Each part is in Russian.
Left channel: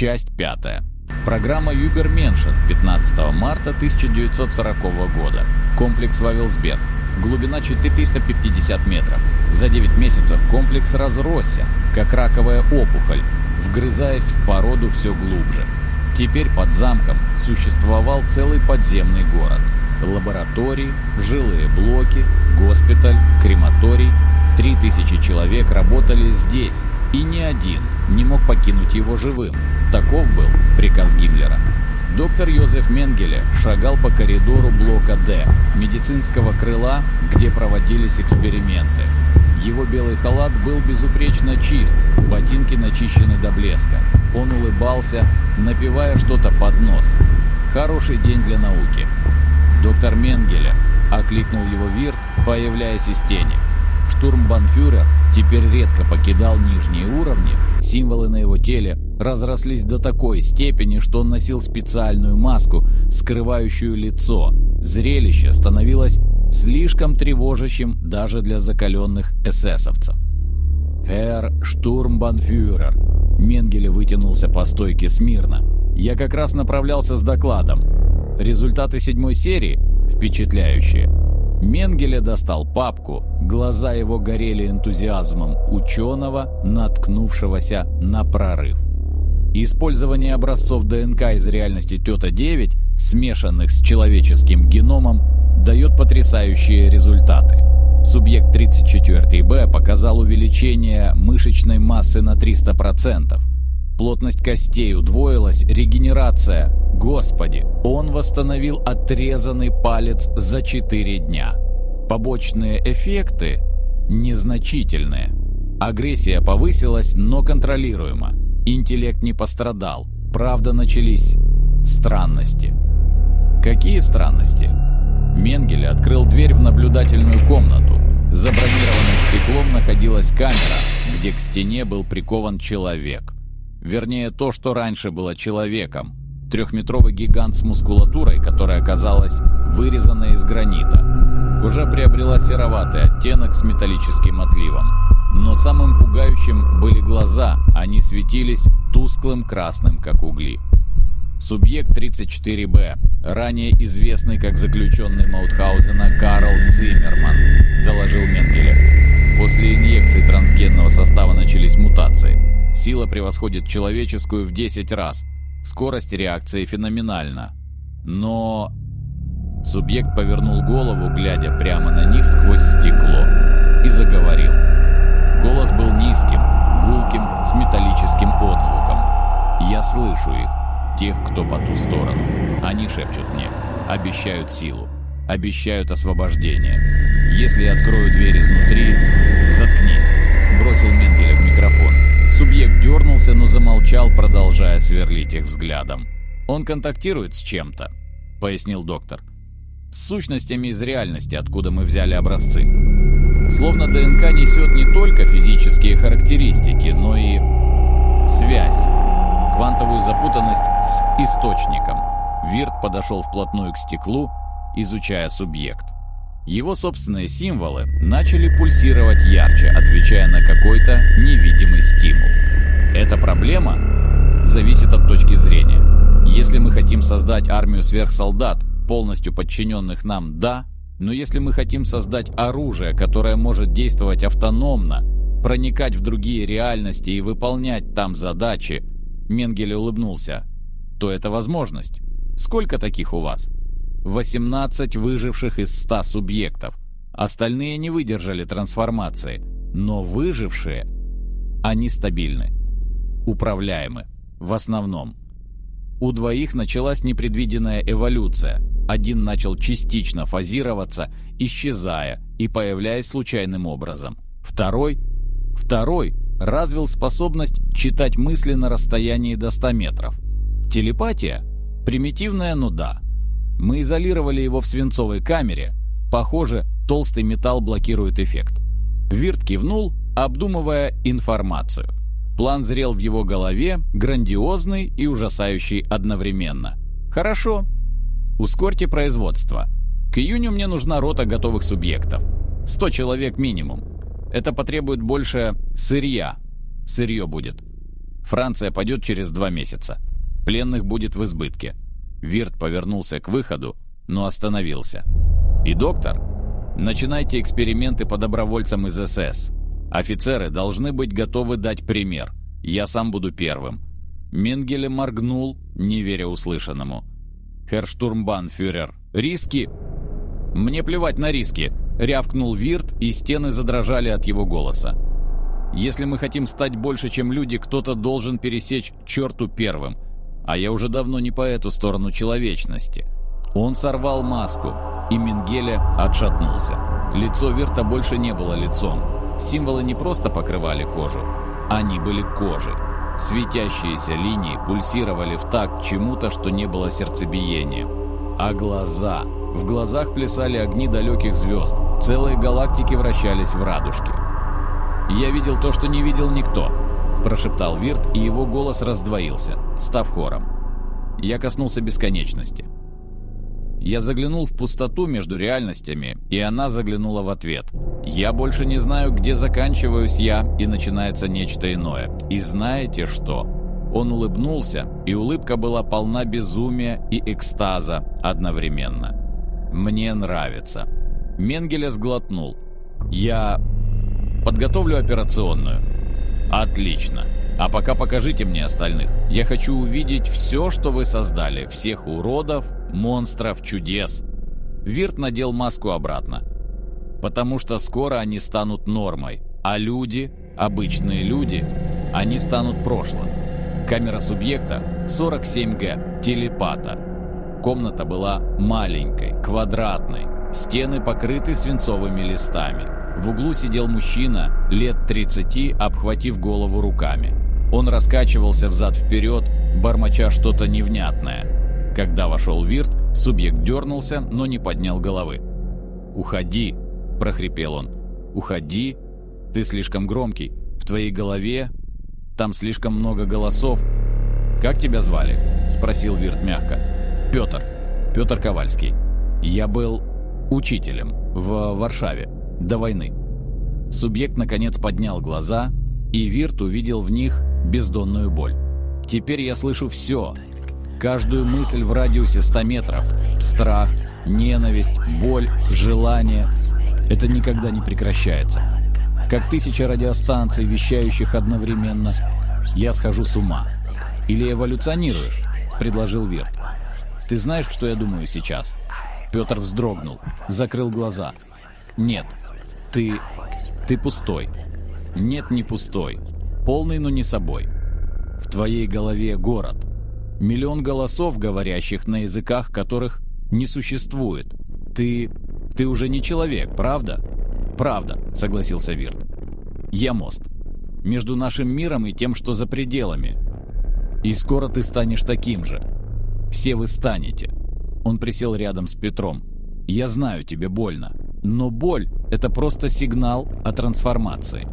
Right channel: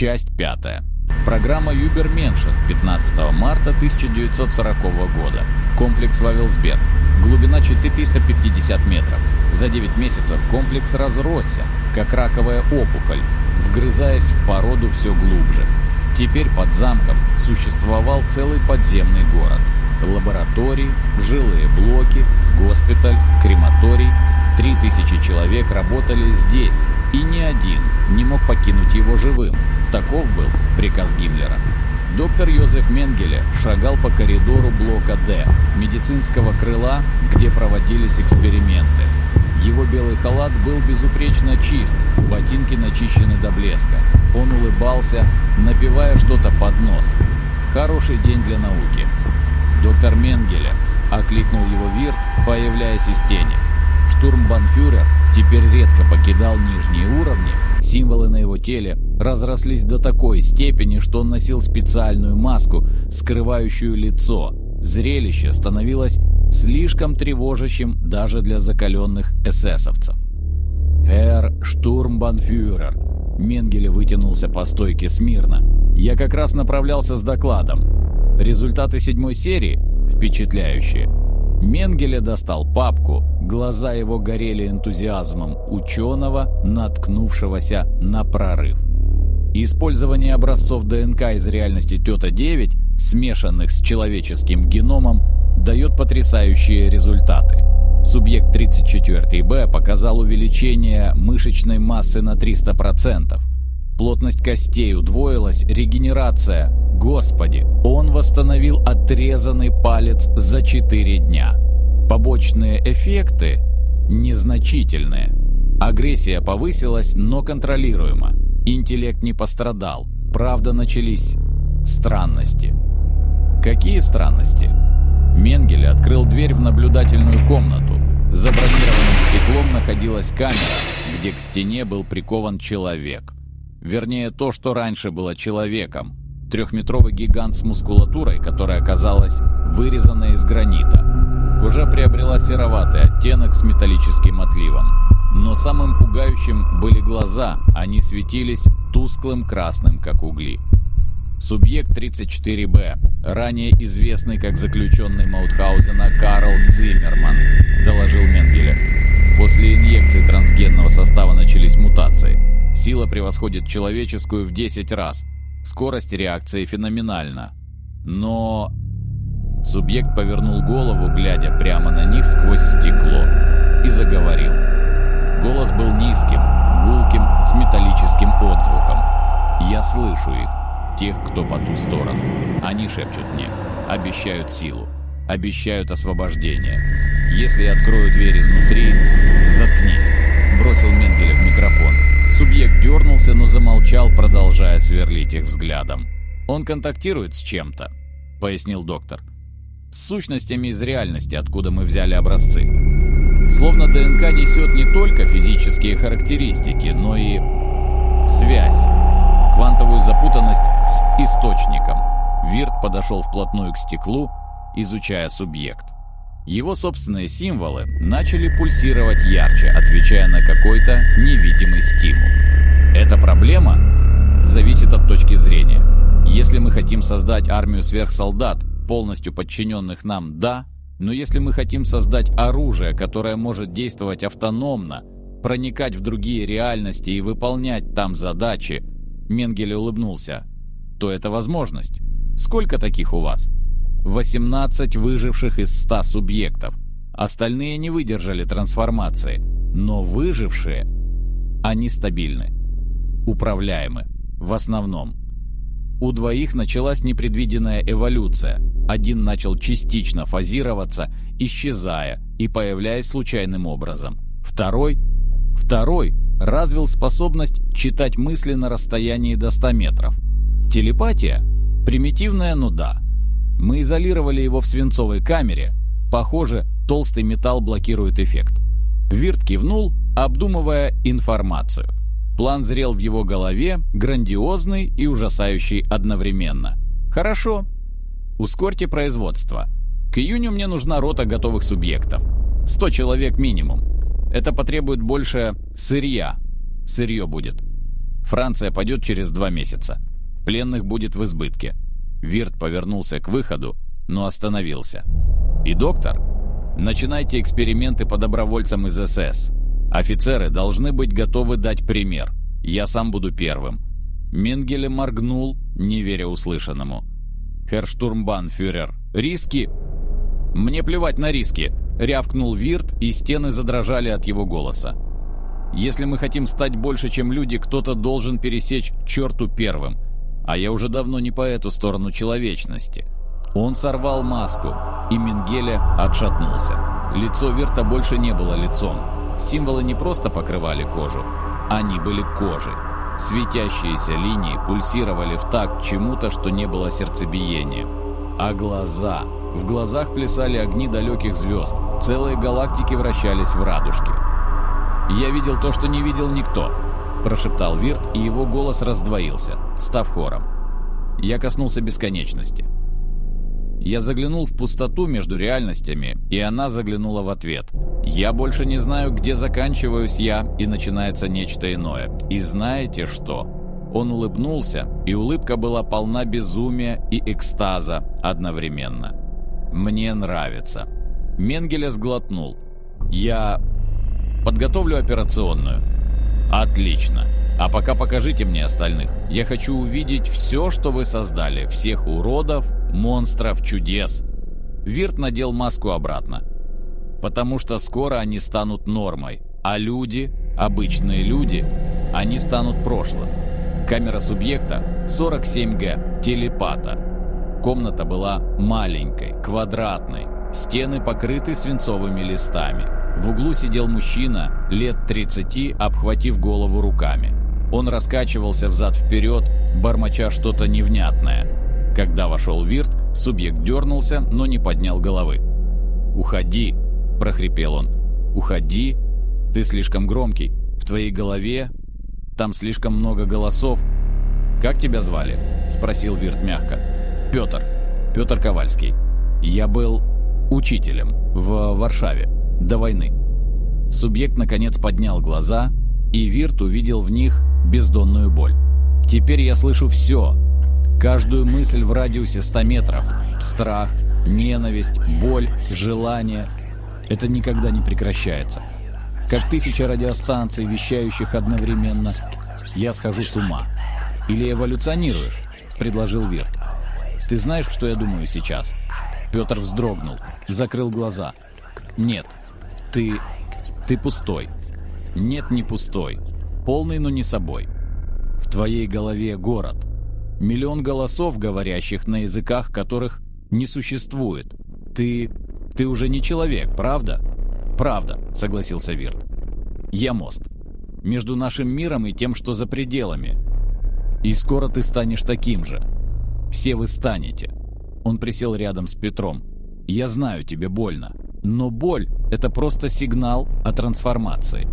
Часть 5. Программа Übermenschen 15 марта 1940 года. Комплекс Вавелсберг. Глубина 450 метров. За 9 месяцев комплекс разросся, как раковая опухоль, вгрызаясь в породу все глубже. Теперь под замком существовал целый подземный город. Лаборатории, жилые блоки, госпиталь, крематорий. 3000 человек работали здесь, и ни один не мог покинуть его живым. Таков был приказ Гиммлера. Доктор Йозеф Менгеле шагал по коридору блока «Д», медицинского крыла, где проводились эксперименты. Его белый халат был безупречно чист, ботинки начищены до блеска. Он улыбался, напевая что-то под нос. «Хороший день для науки». «Доктор Менгеле», — окликнул его Вирт, появляясь из тени. Штурмбанфюрер теперь редко покидал нижние уровни. Символы на его теле разрослись до такой степени, что он носил специальную маску, скрывающую лицо. Зрелище становилось слишком тревожащим даже для закаленных эсэсовцев. «Herr Штурмбанфюрер», — Менгеле вытянулся по стойке смирно. «Я как раз направлялся с докладом. Результаты 7-й серии впечатляющие». Менгеле достал папку, глаза его горели энтузиазмом ученого, наткнувшегося на прорыв. Использование образцов ДНК из реальности Тета-9, смешанных с человеческим геномом, дает потрясающие результаты. Субъект 34Б показал увеличение мышечной массы на 300%. Плотность костей удвоилась, регенерация. Господи, он восстановил отрезанный палец за 4 дня. Побочные эффекты незначительные. Агрессия повысилась, но контролируема. Интеллект не пострадал. Правда, начались странности. Какие странности? Менгеле открыл дверь в наблюдательную комнату. За бронированным стеклом находилась камера, где к стене был прикован человек. Вернее, то, что раньше было человеком. 3-метровый гигант с мускулатурой, которая оказалась вырезанной из гранита. Кожа приобрела сероватый оттенок с металлическим отливом. Но самым пугающим были глаза, они светились тусклым красным, как угли. Субъект 34Б, ранее известный как заключенный Маутхаузена Карл Циммерман, доложил Менгеле. После инъекции трансгенного состава начались мутации. Сила превосходит человеческую в 10 раз. Скорость реакции феноменальна. Но... Субъект повернул голову, глядя прямо на них сквозь стекло, и заговорил. Голос был низким, гулким, с металлическим отзвуком. Я слышу их, тех, кто по ту сторону. Они шепчут мне, обещают силу, обещают освобождение. Если я открою дверь изнутри... Заткнись, бросил Менгеле в микрофон. Субъект дернулся, но замолчал, продолжая сверлить их взглядом. «Он контактирует с чем-то», — пояснил доктор. «С сущностями из реальности, откуда мы взяли образцы. Словно ДНК несет не только физические характеристики, но и связь, квантовую запутанность с источником». Вирт подошел вплотную к стеклу, изучая субъект. Его собственные символы начали пульсировать ярче, отвечая на какой-то невидимый стимул. Эта проблема зависит от точки зрения. Если мы хотим создать армию сверхсолдат, полностью подчиненных нам, да, но если мы хотим создать оружие, которое может действовать автономно, проникать в другие реальности и выполнять там задачи, Менгеле улыбнулся, то это возможность. Сколько таких у вас? 18 выживших из 100 субъектов. Остальные не выдержали трансформации. Но выжившие, они стабильны. Управляемы. В основном. У 2 началась непредвиденная эволюция. Один начал частично фазироваться, исчезая и появляясь случайным образом. Второй развил способность читать мысли на расстоянии до 100 метров. Телепатия? Примитивная, но да. Мы изолировали его в свинцовой камере. Похоже, толстый металл блокирует эффект. Вирт кивнул, обдумывая информацию. План зрел в его голове, грандиозный и ужасающий одновременно. Хорошо. Ускорьте производство. К июню мне нужна рота готовых субъектов. 100 человек минимум. Это потребует больше сырья. Сырье будет. Франция падет через 2 месяца. Пленных будет в избытке». Вирт повернулся к выходу, но остановился. «И доктор, начинайте эксперименты по добровольцам из СС. Офицеры должны быть готовы дать пример. Я сам буду первым». Менгеле моргнул, не веря услышанному. «Херр штурмбанфюрер, риски?» «Мне плевать на риски», — рявкнул Вирт, и стены задрожали от его голоса. «Если мы хотим стать больше, чем люди, кто-то должен пересечь черту первым. А я уже давно не по эту сторону человечности». Он сорвал маску, и Менгеле отшатнулся. Лицо Вирта больше не было лицом. Символы не просто покрывали кожу, они были кожей. Светящиеся линии пульсировали в такт чему-то, что не было сердцебиением. А глаза... В глазах плясали огни далеких звезд. Целые галактики вращались в радужке. «Я видел то, что не видел никто», – прошептал Вирт, и его голос раздвоился, став хором. Я коснулся бесконечности. Я заглянул в пустоту между реальностями, и она заглянула в ответ. Я больше не знаю, где заканчиваюсь я, и начинается нечто иное. И знаете что? Он улыбнулся, и улыбка была полна безумия и экстаза одновременно. «Мне нравится». Менгеле сглотнул. «Я подготовлю операционную». «Отлично. А пока покажите мне остальных. Я хочу увидеть все, что вы создали. Всех уродов, монстров, чудес». Вирт надел маску обратно. «Потому что скоро они станут нормой. А люди, обычные люди, они станут прошлым». Камера субъекта 47Г, телепата. Комната была маленькой, квадратной. Стены покрыты свинцовыми листами. В углу сидел мужчина, лет 30, обхватив голову руками. Он раскачивался взад-вперед, бормоча что-то невнятное. Когда вошел Вирт, субъект дернулся, но не поднял головы. «Уходи!» – прохрипел он. «Уходи! Ты слишком громкий. В твоей голове... Там слишком много голосов». «Как тебя звали?» – спросил Вирт мягко. «Петр. Петр Ковальский. Я был учителем в Варшаве до войны». Субъект наконец поднял глаза, и Вирт увидел в них бездонную боль. «Теперь я слышу все. Каждую мысль в радиусе 100 метров. Страх, ненависть, боль, желание. Это никогда не прекращается. Как 1000 радиостанций, вещающих одновременно. Я схожу с ума». «Или эволюционируешь?» – предложил Вирт. «Ты знаешь, что я думаю сейчас?» Петр вздрогнул, закрыл глаза. «Нет, ты пустой». «Нет, не пустой. Полный, но не собой. В твоей голове город. Миллион голосов, говорящих на языках, которых не существует. Ты уже не человек, правда?» «Правда», — согласился Вирт. «Я мост. Между нашим миром и тем, что за пределами. И скоро ты станешь таким же. Все вы станете». Он присел рядом с Петром. «Я знаю, тебе больно. Но боль — это просто сигнал о трансформации.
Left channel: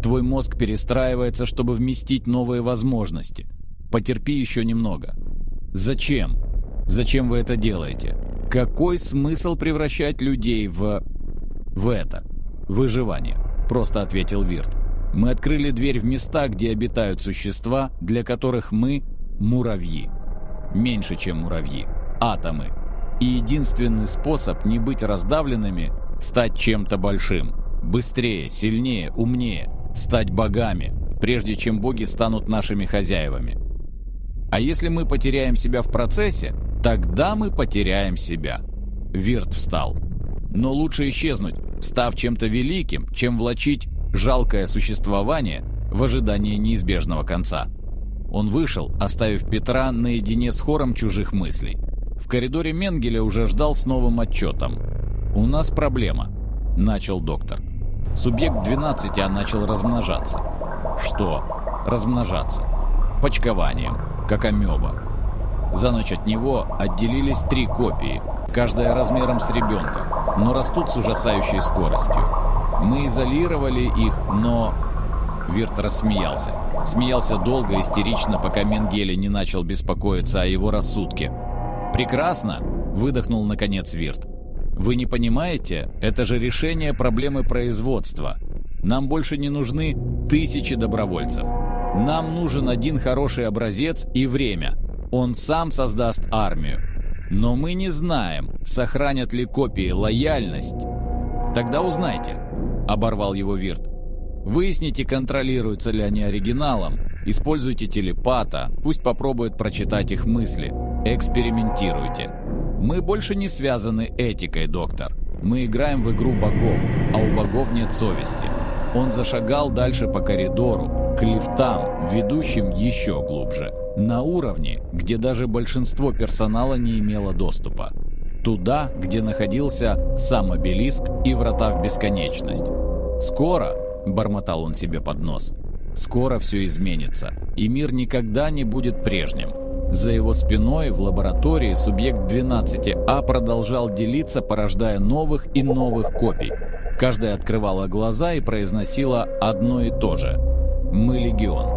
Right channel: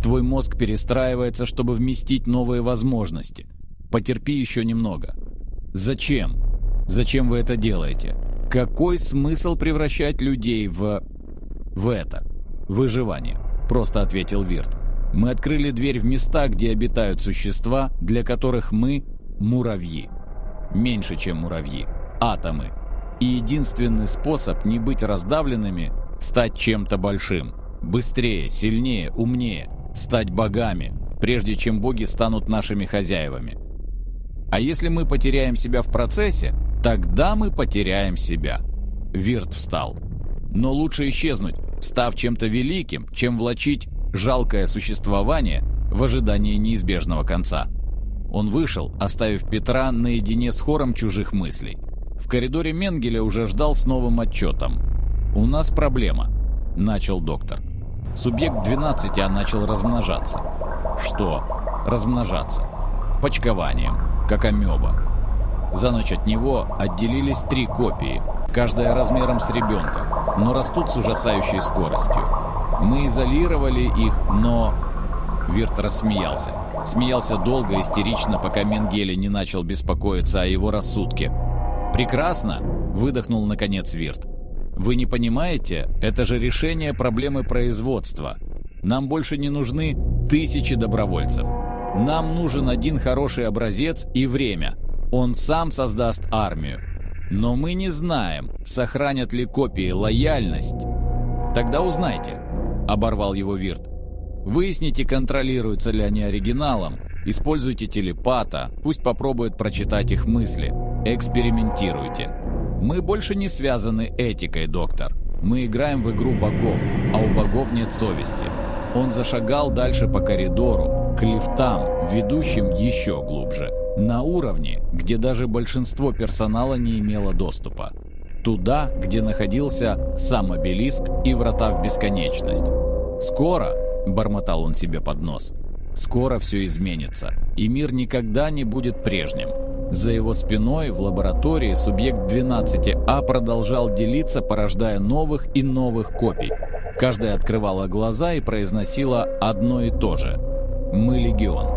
Твой мозг перестраивается, чтобы вместить новые возможности. Потерпи еще немного». «Зачем? Зачем вы это делаете? Какой смысл превращать людей в это? Выживание», — просто ответил Вирт. «Мы открыли дверь в места, где обитают существа, для которых мы — муравьи. Меньше, чем муравьи. Атомы. И единственный способ не быть раздавленными — стать чем-то большим. Быстрее, сильнее, умнее. Стать богами, прежде чем боги станут нашими хозяевами. А если мы потеряем себя в процессе, тогда мы потеряем себя». Вирт встал. «Но лучше исчезнуть, став чем-то великим, чем влачить жалкое существование в ожидании неизбежного конца». Он вышел, оставив Петра наедине с хором чужих мыслей. В коридоре Менгеле уже ждал с новым отчетом. «У нас проблема», — начал доктор. «Субъект 12 начал размножаться». «Что?» «Размножаться. Почкованием, как амеба. За ночь от него отделились 3 копии, каждая размером с ребенка, но растут с ужасающей скоростью. Мы изолировали их, но...» Вирт рассмеялся. Смеялся долго, истерично, пока Менгеле не начал беспокоиться о его рассудке. «Прекрасно!» – выдохнул наконец Вирт. «Вы не понимаете? Это же решение проблемы производства. Нам больше не нужны 1000 добровольцев. Нам нужен один хороший образец и время. Он сам создаст армию. Но мы не знаем, сохранят ли копии лояльность. Тогда узнайте, оборвал его Вирт. Выясните, контролируются ли они оригиналом. Используйте телепата, пусть попробует прочитать их мысли. Экспериментируйте. Мы больше не связаны этикой, доктор. Мы играем в игру богов, а у богов нет совести. Он зашагал дальше по коридору, к лифтам, ведущим еще глубже. На уровне, где даже большинство персонала не имело доступа. Туда, где находился сам обелиск и врата в бесконечность. «Скоро», — бормотал он себе под нос, — «скоро все изменится, и мир никогда не будет прежним». За его спиной в лаборатории субъект 12А продолжал делиться, порождая новых и новых копий. Каждая открывала глаза и произносила одно и то же: «Мы легион».